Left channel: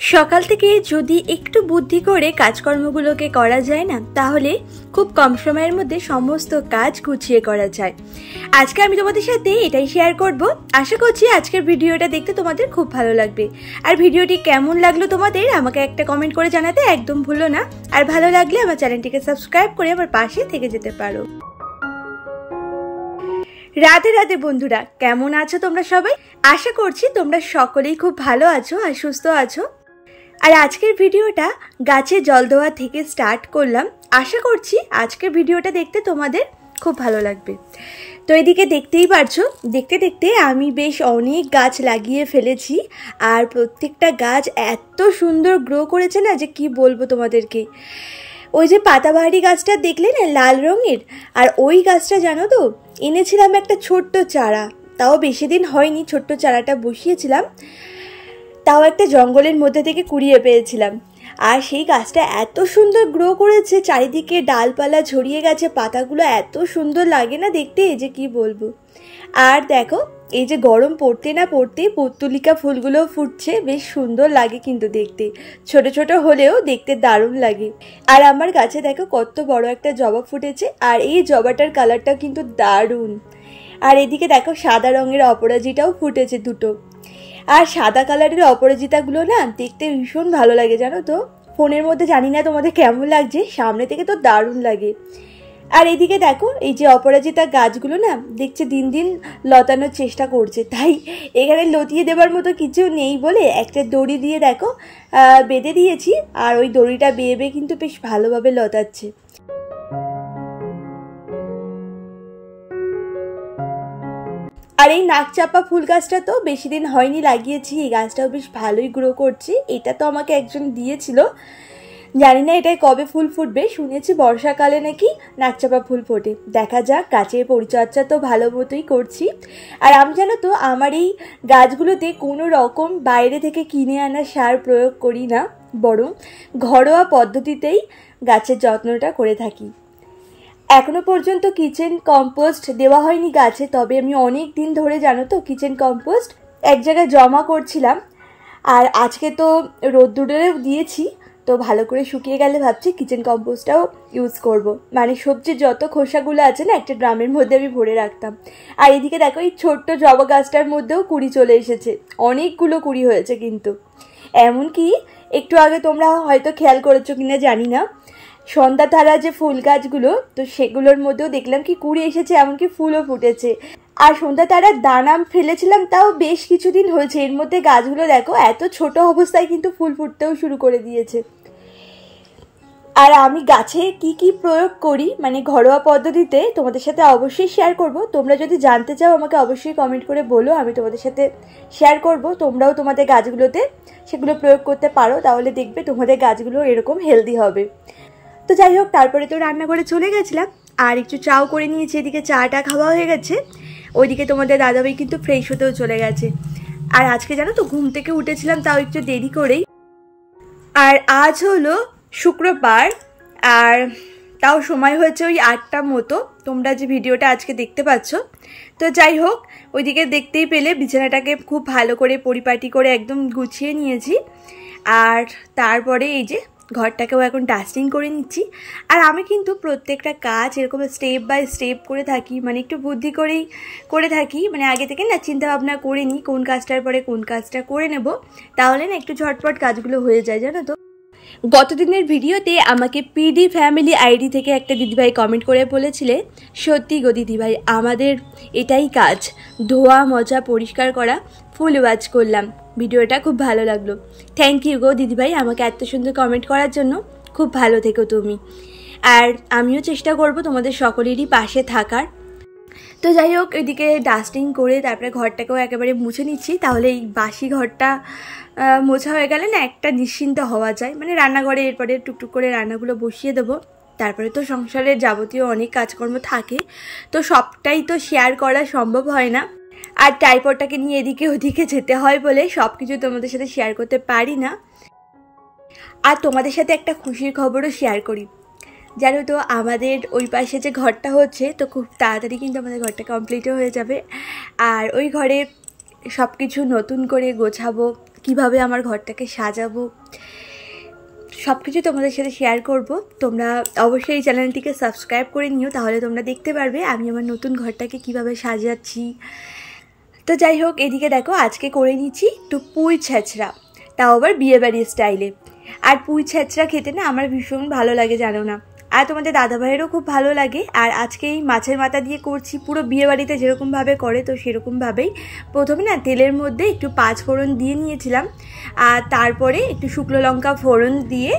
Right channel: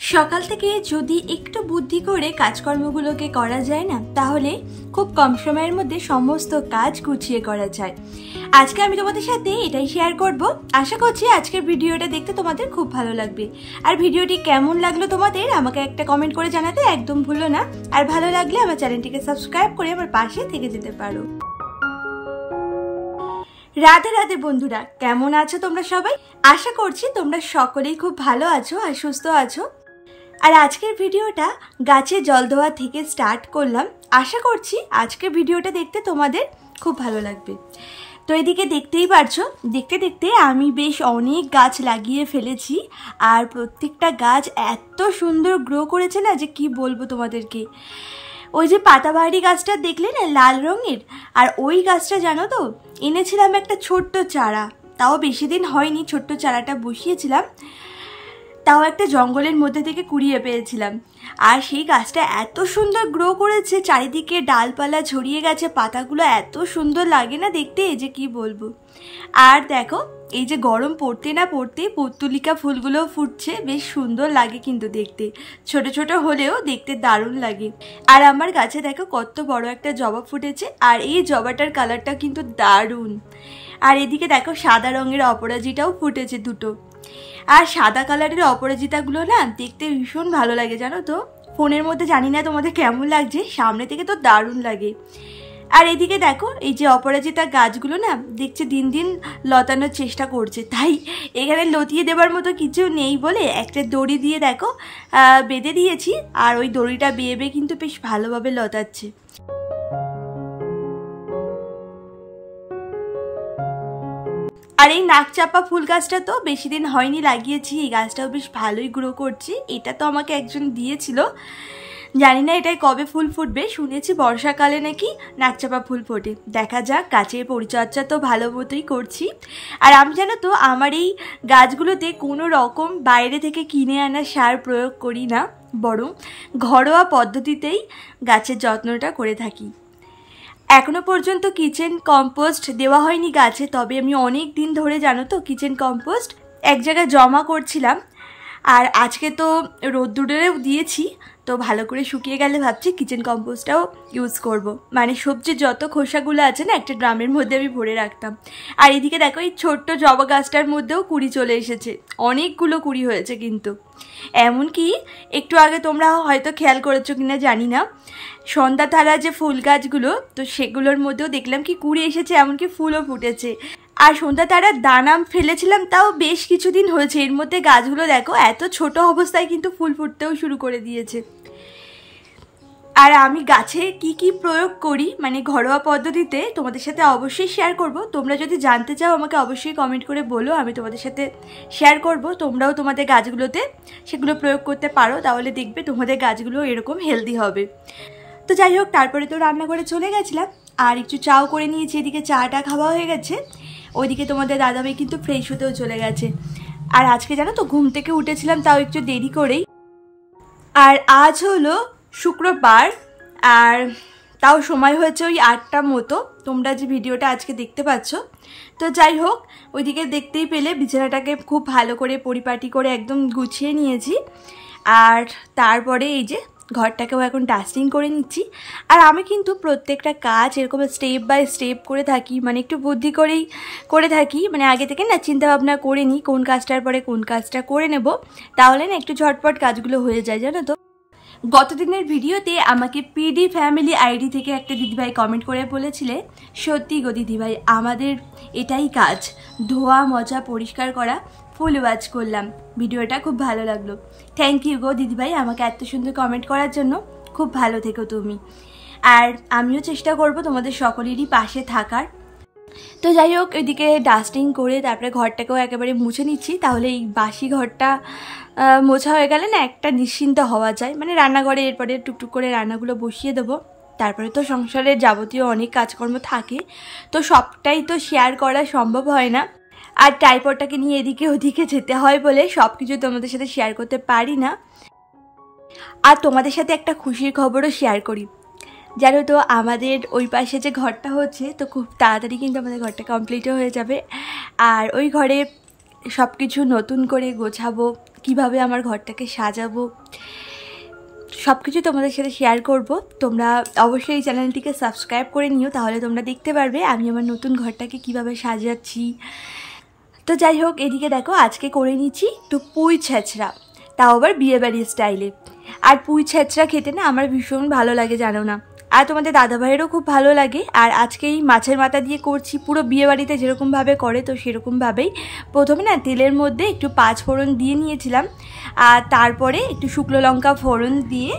সকাল থেকে যদি একটু বুদ্ধি করে কাজকর্মগুলোকে করা যায় না, তাহলে খুব কম সময়ের মধ্যে সমস্ত কাজ গুছিয়ে করা যায়। আজকে আমি তোমাদের সাথে এটাই শেয়ার করব। আশা করছি আজকের ভিডিওটা দেখতে তোমাদের খুব ভালো লাগবে। আর ভিডিওটি কেমন লাগলো তোমাদের আমাকে একটা কমেন্ট করে জানাতে একদম ভুলো না। আর ভালো লাগলে আমার চ্যানেলটিকে সাবস্ক্রাইব করে আমার পাশে থেকে যেতে পারো। রাধে রাধে বন্ধুরা, কেমন আছো তোমরা সবাই? আশা করছি তোমরা সকলেই খুব ভালো আছো আর সুস্থ আছো। আর আজকের ভিডিওটা গাছে জল দেওয়া থেকে স্টার্ট করলাম। আশা করছি আজকের ভিডিওটা দেখতে তোমাদের খুব ভালো লাগবে। তো এদিকে দেখতেই পারছো, দেখতে দেখতে আমি বেশ অনেক গাছ লাগিয়ে ফেলেছি। আর প্রত্যেকটা গাছ এত সুন্দর গ্রো করেছে না, যে কি বলবো তোমাদেরকে। ওই যে পাতাবাহারি গাছটা দেখলে না, লাল রঙের, আর ওই গাছটা জানো তো এনেছিলাম একটা ছোট্ট চারা, তাও বেশি দিন হয়নি। ছোট্ট চারাটা বসিয়েছিলাম, তাও একটা জঙ্গলের মধ্যে থেকে কুড়িয়ে পেয়েছিলাম। আর সেই গাছটা এত সুন্দর গ্রো করেছে, চারিদিকে ডালপালা ছড়িয়ে গেছে, পাতাগুলো এত সুন্দর লাগে না দেখতে, যে কি বলবো। আর দেখো, এই যে গরম পড়তে না পড়তেই পর্তুলিকা ফুলগুলো ফুটছে, বেশ সুন্দর লাগে কিন্তু দেখতে। ছোট ছোট হলেও দেখতে দারুণ লাগে। আর আমার গাছে দেখো কত বড় একটা জবা ফুটেছে, আর এই জবাটার কালারটাও কিন্তু দারুণ। আর এদিকে দেখো সাদা রঙের অপরাজিতাও ফুটেছে দুটো। আর সাদা কালারের অপরাজিতাগুলো না দেখতে ভীষণ ভালো লাগে জানো তো। ফোনের মধ্যে জানি না তোমাদের কেমন লাগছে, সামনে থেকে তো দারুণ লাগে। আর এদিকে দেখো, এই যে অপরাজিতা গাছগুলো না দেখছে দিন দিন লতানোর চেষ্টা করছে, তাই এখানে লতিয়ে দেবার মতো কিছু নেই বলে একটা দড়ি দিয়ে দেখো বেঁধে দিয়েছি। আর ওই দড়িটা বেয়ে বেয়ে কিন্তু বেশ ভালোভাবে লতাচ্ছে। আর এই নাকচাপা ফুল গাছটা তো বেশি দিন হয়নি লাগিয়েছি, এই গাছটাও বেশ ভালোই গ্রো করছে। এটা তো আমাকে একজন দিয়েছিল, জানি না এটাই কবে ফুল ফুটবে। শুনেছি বর্ষাকালে নাকি নাকচাপা ফুল ফোটে, দেখা যাক। গাছের পরিচর্যা তো ভালো মতোই করছি। আর আমি জানো তো আমার এই গাছগুলোতে কোনো রকম বাইরে থেকে কিনে আনা সার প্রয়োগ করি না, বরং ঘরোয়া পদ্ধতিতেই গাছের যত্নটা করে থাকি। এখনো পর্যন্ত কিচেন কম্পোস্ট দেওয়া হয়নি গাছে, তবে আমি অনেক দিন ধরে জানো তো কিচেন কম্পোস্ট এক জায়গায় জমা করছিলাম। আর আজকে তো রোদ্দুরেও দিয়েছি, তো ভালো করে শুকিয়ে গেলে ভাবছি কিচেন কম্পোস্টটাও ইউজ করব। মানে সবজির যত খোসাগুলো আছে না, একটা ড্রামের মধ্যে আমি ভরে রাখতাম। আর এদিকে দেখো, এই ছোট্ট জবা গাছটার মধ্যেও কুড়ি চলে এসেছে, অনেকগুলো কুড়ি হয়েছে কিন্তু। এমনকি একটু আগে তোমরা হয়তো খেয়াল করেছো কিনা জানি না, সন্ধ্যা তারা যে ফুল গাছগুলো, তো সেগুলোর মধ্যেও দেখলাম কি কুড়ি এসেছে, এমনকি ফুলও ফুটেছে। আর সন্ধ্যা তারার দানা ফেলেছিলাম, তাও বেশ কিছুদিন হয়েছে। এর মধ্যে গাছগুলো দেখো এত ছোট অবস্থায় কিন্তু ফুল ফুটতেও শুরু করে দিয়েছে। আর আমি গাছে কি কি প্রয়োগ করি মানে ঘরোয়া পদ্ধতিতে তোমাদের সাথে অবশ্যই শেয়ার করব। তোমরা যদি জানতে চাও আমাকে অবশ্যই কমেন্ট করে বলো, আমি তোমাদের সাথে শেয়ার করব। তোমরাও তোমাদের গাছগুলোতে সেগুলো প্রয়োগ করতে পারো, তাহলে দেখবে তোমাদের গাছগুলো এরকম হেলদি হবে। তো যাই হোক, তারপরে তো রান্নাঘরে চলে গেছিলাম আর একটু চাও করে নিয়েছি। এদিকে চাটা খাওয়া হয়ে গেছে, ওইদিকে তোমাদের দাদাভাই কিন্তু ফ্রেশ হতেও চলে গেছে। আর আজকে জানো তো ঘুম থেকে উঠেছিলাম তাও একটু দেরি করেই। আর আজ হলো শুক্রবার, আর তাও সময় হয়েছে ওই 8টা মতো, তোমরা যে ভিডিওটা আজকে দেখতে পাচ্ছ। তো যাই হোক, ওইদিকে দেখতেই পেলে বিছানাটাকে খুব ভালো করে পরিপাটি করে একদম গুছিয়ে নিয়েছি। আর তারপরে এই যে ঘরটাকেও এখন ডাস্টিং করে নিচ্ছি। আর আমি কিন্তু প্রত্যেকটা কাজ এরকম স্টেপ বাই স্টেপ করে থাকি, মানে একটু বুদ্ধি করেই করে থাকি। মানে আগে থেকে না চিন্তা ভাবনা করে নিই কোন কাজটার পরে কোন কাজটা করে নেব, তাহলে না একটু ঝটপট কাজগুলো হয়ে যায় জানো তো। গতদিনের ভিডিওতে আমাকে পিডি ফ্যামিলি আইডি থেকে একটা দিদিভাই কমেন্ট করে বলেছিলে, সত্যি গো দিদিভাই, আমাদের এটাই কাজ, ধোয়া মজা পরিষ্কার করা। ফুল ওয়াচ করলাম, ভিডিওটা খুব ভালো লাগলো। থ্যাংক ইউ গো দিদিভাই আমাকে এত সুন্দর কমেন্ট করার জন্য, খুব ভালো থেকো তুমি। আর আমিও চেষ্টা করব তোমাদের সকলেরই পাশে থাকার। তো যাই হোক, এদিকে ডাস্টিং করে তারপরে ঘরটাকেও একেবারে মুছে নিচ্ছি, তাহলে এই বাসি ঘরটা মোছা হয়ে গেলে না একটা নিশ্চিন্ত হওয়া যায়। মানে রান্নাঘরে এরপরে টুকটুক করে রান্নাগুলো বসিয়ে দেবো। তারপরে তো সংসারের যাবতীয় অনেক কাজকর্ম থাকে, তো সবটাই তো শেয়ার করা সম্ভব হয় না। আর ট্রাইপডটাকে নিয়ে এদিকে ওদিকে যেতে হয় বলে সব কিছু তোমাদের সাথে শেয়ার করতে পারি না। আর তোমাদের সাথে একটা খুশির খবরও শেয়ার করি, জানো তো আমাদের ওই পাশে যে ঘরটা হচ্ছে, তো খুব তাড়াতাড়ি কিন্তু আমাদের ঘরটা কমপ্লিটও হয়ে যাবে। আর ওই ঘরে সব কিছু নতুন করে গোছাবো, কিভাবে আমার ঘরটাকে সাজাবো সব কিছু তোমাদের সাথে শেয়ার করব। তোমরা অবশ্যই এই চ্যানেলটিকে সাবস্ক্রাইব করে নিও, তাহলে তোমরা দেখতে পারবে আমি আমার নতুন ঘরটাকে কিভাবে সাজাচ্ছি। তো যাই হোক, এদিকে দেখো আজকে করে নিচ্ছি একটু পুঁই ছেঁচড়া, তাও আবার বিয়েবাড়ির স্টাইলে। আর পুঁই ছেঁচড়া খেতে না আমার ভীষণ ভালো লাগে, জানো না, আর তোমাদের দাদাভাইয়েরও খুব ভালো লাগে। আর আজকে এই মাছের মাথা দিয়ে করছি পুরো বিয়েবাড়িতে যেরকমভাবে করে, তো সেরকমভাবেই প্রথমে না তেলের মধ্যে একটু 5 ফোড়ন দিয়ে নিয়েছিলাম, আর তারপরে একটু শুকনো লঙ্কা ফোড়ন দিয়ে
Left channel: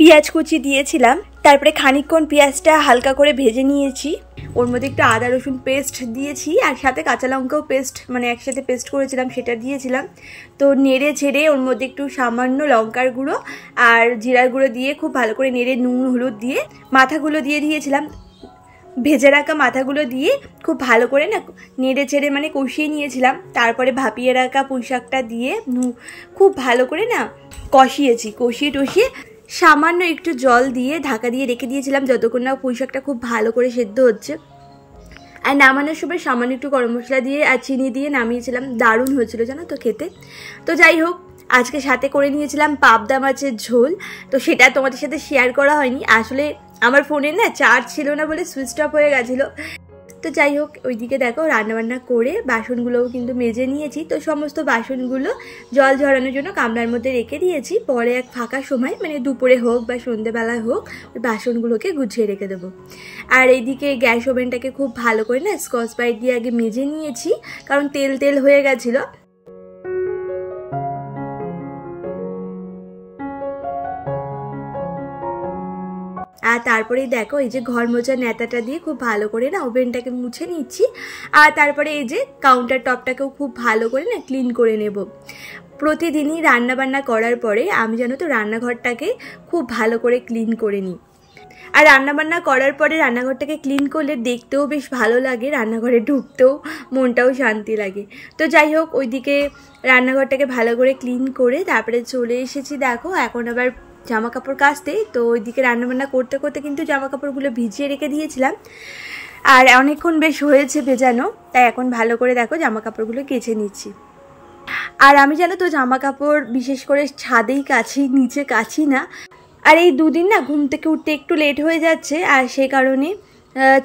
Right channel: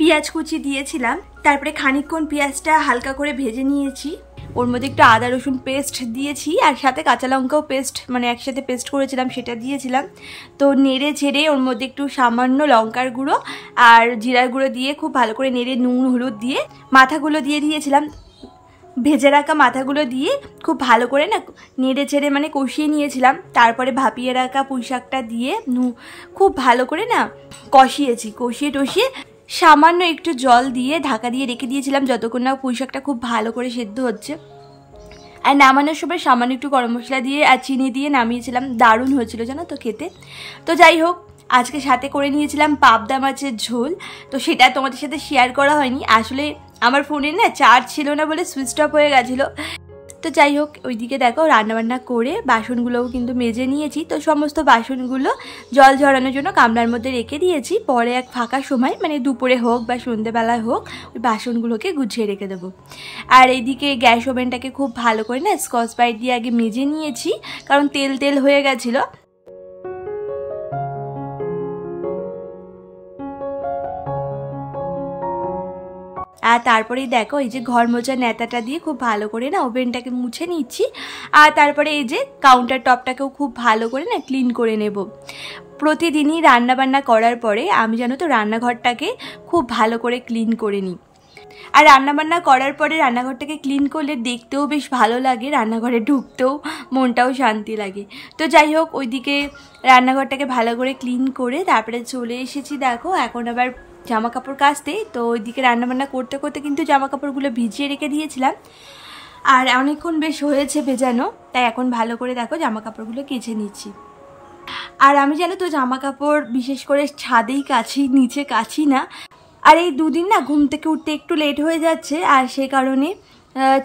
পেঁয়াজ কুচি দিয়েছিলাম। তারপরে খানিকক্ষণ পেঁয়াজটা হালকা করে ভেজে নিয়েছি, ওর মধ্যে একটু আদা রসুন পেস্ট দিয়েছি, আর সাথে কাঁচা লঙ্কাও পেস্ট মানে একসাথে পেস্ট করেছিলাম সেটা দিয়েছিলাম। তো নেড়ে ছেড়ে ওর মধ্যে একটু সামান্য লঙ্কার গুঁড়ো আর জিরার গুঁড়ো দিয়ে খুব ভালো করে নেড়ে নুন হলুদ দিয়ে মাথাগুলো দিয়ে দিয়েছিলাম। ভেজে রাখা মাথাগুলো দিয়ে খুব ভালো করে না নেড়ে ছেড়ে মানে কষিয়ে নিয়েছিলাম। তারপরে ভাপিয়ে রাখা পুঁই শাকটা দিয়ে খুব ভালো করে না কষিয়েছি, কষিয়ে টষিয়ে সামান্য একটু জল দিয়ে ঢাকা দিয়ে রেখে দিয়েছিলাম যতক্ষণ না পুঁই শাকটা খুব ভালো করে সেদ্ধ হচ্ছে। আর নামানোর সময় সামান্য একটু গরম মশলা দিয়ে আর চিনি দিয়ে নামিয়েছিলাম, দারুণ হয়েছিল জানো তো খেতে। তো যাই হোক, আজকে সাথে করে নিয়েছিলাম পাবদা মাছের ঝোল, তো সেটা তোমাদের সাথে শেয়ার করা হয়নি, আসলে আমার ফোনে না চার্জ ছিল না বলে সুইচ অফ হয়ে গেছিলো। তো যাই হোক, ওইদিকে দেখো রান্নাবান্না করে বাসনগুলোও কিন্তু মেজে নিয়েছি। তো সমস্ত বাসনগুলো জল ঝরানোর জন্য গামলার মধ্যে রেখে দিয়েছি, পরে এক ফাঁকা সময় মানে দুপুরে হোক বা সন্ধ্যেবেলায় হোক ওই বাসনগুলোকে গুছিয়ে রেখে দেবো। আর এইদিকে গ্যাস ওভেনটাকে খুব ভালো করে না স্কচ ব্রাইট দিয়ে আগে মেজে নিয়েছি, কারণ তেল তেল হয়ে গেছিলো। আর তারপরেই দেখো এই যে ঘর মোছা নেতাটা দিয়ে খুব ভালো করে না ওভেনটাকে মুছে নিচ্ছি। আর তারপরে এই যে কাউন্টার টপটাকেও খুব ভালো করে না ক্লিন করে নেব। প্রতিদিনই রান্নাবান্না করার পরে আমি জানো তো রান্নাঘরটাকে খুব ভালো করে ক্লিন করে নিই। আর রান্নাবান্না করার পরে রান্নাঘরটাকে ক্লিন করলে দেখতেও বেশ ভালো লাগে, রান্নাঘরে ঢুকতেও মনটাও শান্তি লাগে। তো যাই হোক, ওইদিকে রান্নাঘরটাকে ভালো করে ক্লিন করে তারপরে চলে এসেছি দেখো এখন আবার জামা কাপড় কাচতে। তো ওইদিকে রান্নাবান্না করতে করতে কিন্তু জামা কাপড়গুলো ভিজিয়ে রেখে দিয়েছিলাম, আর অনেকক্ষণ বেশ হয়েছে ভেজানো, তাই এখন ভালো করে দেখো জামা কাপড়গুলো কেচে নিচ্ছি। আর আমি জানো তো জামা কাপড় বিশেষ করে ছাদেই কাছি, নিচে কাছি না। আর এই দুদিন না ঘুম থেকে উঠতে একটু লেট হয়ে যাচ্ছে, আর সেই কারণে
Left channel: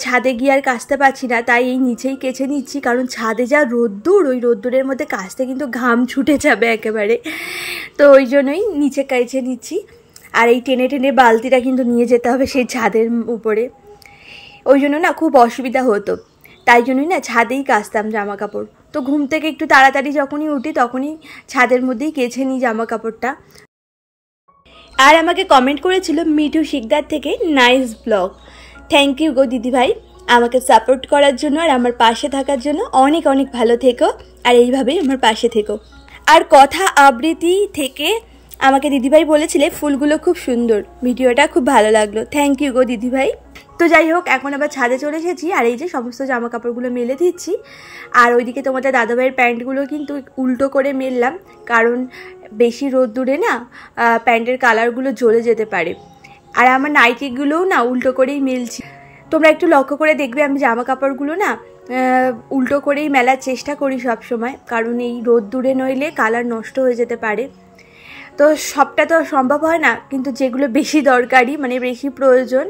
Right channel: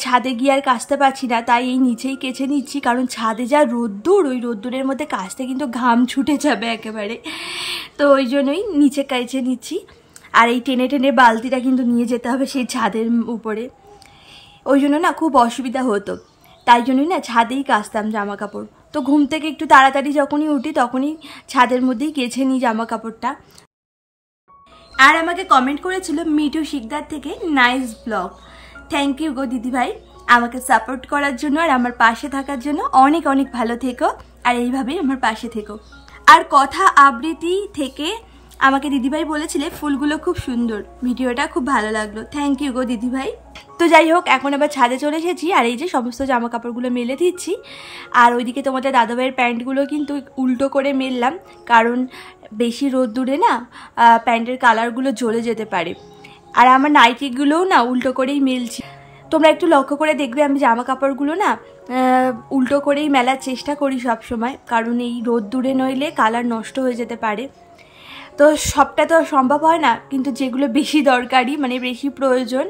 ছাদে গিয়ে আর কাচতে পারছি না, তাই এই নিচেই কেচে নিচ্ছি। কারণ ছাদে যা রোদ্দুর, ওই রোদ্দুরের মধ্যে কাচতে কিন্তু ঘাম ছুটে যাবে একেবারে, তো ওই জন্যই নিচে কেচে নিচ্ছি। আর এই টেনে টেনে বালতিটা কিন্তু নিয়ে যেতে হবে সেই ছাদের উপরে, ওই জন্য না খুব অসুবিধা হতো, তাই জন্যই না ছাদেই কাচতাম জামা কাপড়। তো ঘুম থেকে একটু তাড়াতাড়ি যখনই উঠি তখনই ছাদের মধ্যেই কেচে নিই জামা কাপড়টা। আর আমাকে কমেন্ট করেছিল মিঠু শিকদার থেকে, নাইস ব্লগ। থ্যাংক ইউ গো দিদিভাই, আমাকে সাপোর্ট করার জন্য আর আমার পাশে থাকার জন্য। অনেক অনেক ভালো থেকো, আর এইভাবেই আমার পাশে থেকো। আর কথা আবৃত্তি থেকে আমাকে দিদিভাই বলেছিলে ফুলগুলো খুব সুন্দর, ভিডিওটা খুব ভালো লাগলো। থ্যাংক ইউ গো দিদিভাই। তো যাই হোক, এখন আবার ছাদে চলে এসেছি, আর এই যে সমস্ত জামা কাপড়গুলো মেলে দিচ্ছি। আর ওইদিকে তোমাদের দাদাভাইয়ের প্যান্টগুলো কিন্তু উল্টো করে মেললাম, কারণ বেশি রোদ্দুরে না প্যান্টের কালারগুলো জ্বলে যেতে পারে। আর আমার নাইটিগুলোও না উল্টো করেই মেলছি। তোমরা একটু লক্ষ্য করে দেখবে আমি জামা কাপড়গুলো না উল্টো করেই মেলার চেষ্টা করি সব সময়, কারণ এই রোদ্দুরে নইলে কালার নষ্ট হয়ে যেতে পারে। তো সবটা তো সম্ভব হয় না, কিন্তু যেগুলো বেশি দরকারি মানে বেশি প্রয়োজন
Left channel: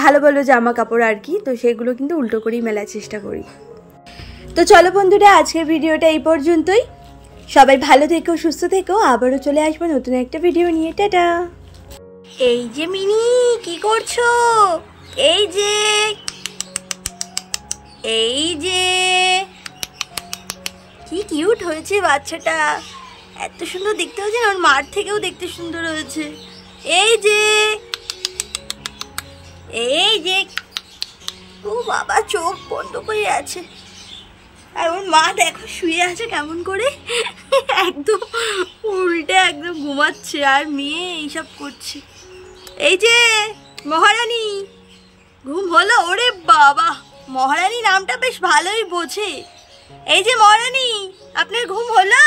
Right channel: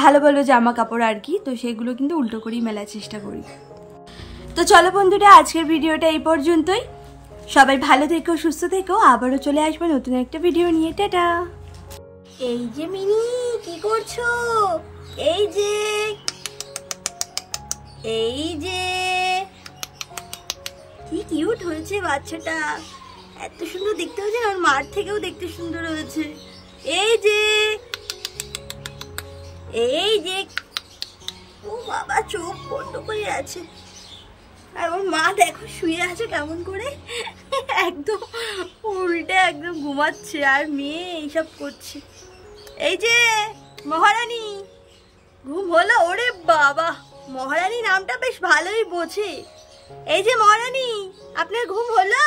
ভালো ভালো জামা কাপড় আর কি, তো সেগুলো কিন্তু উল্টো করেই মেলার চেষ্টা করি। তো চলো বন্ধুরা, আজকের ভিডিওটা এই পর্যন্তই। সবাই ভালো থেকো, সুস্থ থেকো, আবারও চলে আসবো নতুন একটা ভিডিও নিয়ে। টাটা। এই যে মিনি, কি করছো? এই যে কি কিউট হয়েছে বাচ্চাটা, এত সুন্দর দেখতে হয়েছে, আর মার থেকেও দেখতে সুন্দর হয়েছে। এই যে ও বাবা, চোখ বন্ধ করে আছে, আর ওর মা দেখো শুয়ে আছে কেমন করে, একদম উল্টে একদম ঘুমাচ্ছে, আর মেয়ে এইসব করছে। এই যে মহারানী, ঘুম হলো? ওরে বাবা, মহারানী নামটা বেশ ভালোই বোঝে। এই যে মহারানী, আপনার ঘুম হলো?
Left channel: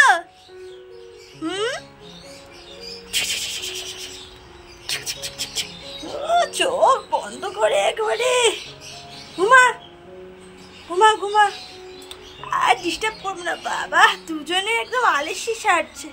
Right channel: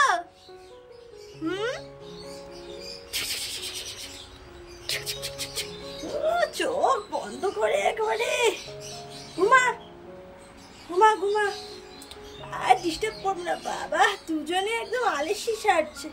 চোখ বন্ধ করে একেবারে ঘুমা ঘুমা ঘুমা, আর ডিস্টার্ব করব না বাবা, দুজনে একদম আলসি সারছে।